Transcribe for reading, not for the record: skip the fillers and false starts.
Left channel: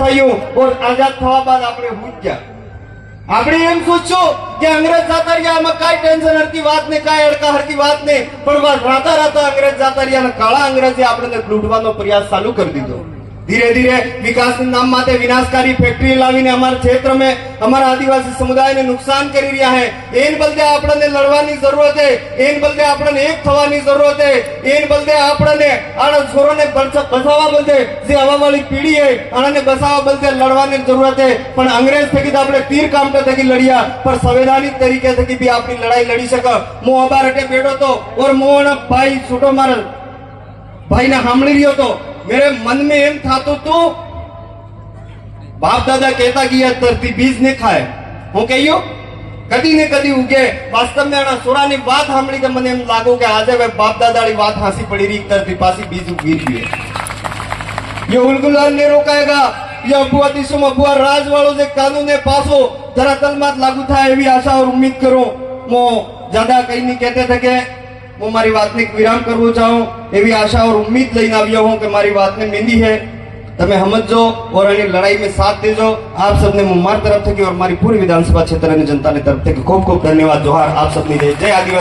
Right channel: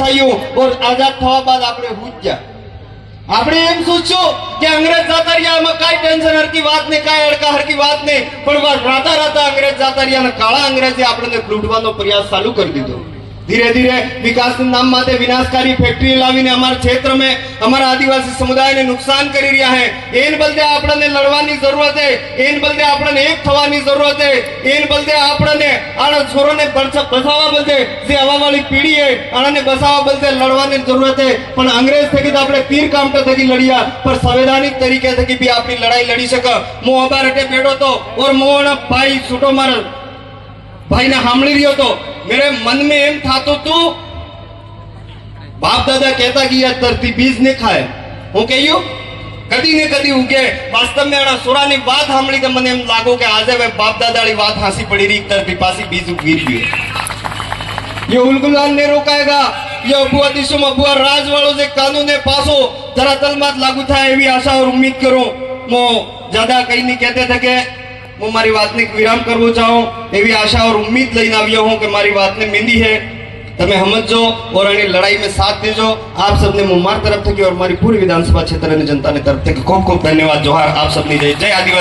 થયું और आजाद થવા બાદ આપણે ભૂજ્યા આપણે એમ સોચ્યું કે અંગ્રેજ જાતા રહ્યા આમાં કાઈ ટેન્શન હરકી વાત નહીં કાઈ અડકા હરકી વાત નહીં પણ રાતા રાતા અંગ્રેજ જાતા રહ્યા અને કાળા અંગ્રેજે આપણને લૂંટવાનો પ્રયાસ ચાલુ કરી દીધો धीरे धीरे विकास के नाम माते विनाशकारी फैक्ट्री लावीने हमारे क्षेत्र में हमारा आदिवासी समुदाय ने नुकसान करी रहा है एन बदले आपने लड़वानी जरूरत है एन बदले आपने एक थवानी जरूरत है एन बदले आपने आना छोरों ने बसावा बदले जे हवा वाली पीढ़ी है आने बसावा बदले लड़वानी जरूरत है पण अंग्रेज थकी आपने तीर कामटा थकी लड़िया पर संवैधानिक तरीके थकी भी अपनी लड़ाई लड़ी सके मो अबारटे बेड़ो तो और मोना भाई छूटो मार भाई ने सामड़ी रही तो मेरे मन में एम था तो बाप दादा कहता कि यह धरती बीज ने खाए हूँ कहियो कदी ने कदी उगे वास्तव में आना सोरा ने बात सामड़ी तो मने एम लागो के आज वे बाप दादा वाली बात हासी पड़ी रही धरती पासी बीज उगी रही है ये उलगुलाल ने रोकाएगा ये अबुआ दिशो में अबुआ राज वालों से कानून ने पासो धरातल मात लागू था एवी आशा और उम्मीद करो मो ज्यादा कहीं नहीं कहते थे कि मैं मारी बात ने विराम करवो चाहूं एवी आशा और उम्मीद लईने આવ્યો हूं कि मारी बात ने मींदी है तमे समझो और अने लड़ाई में साथ देजो आप सबने मुमार तरफ थकी और मारी पूरी विधानसभा क्षेत्र ने जनता ने तरफ थकी खूब खूब धन्यवाद जोहार आप सबनी जय जय आदिवासी।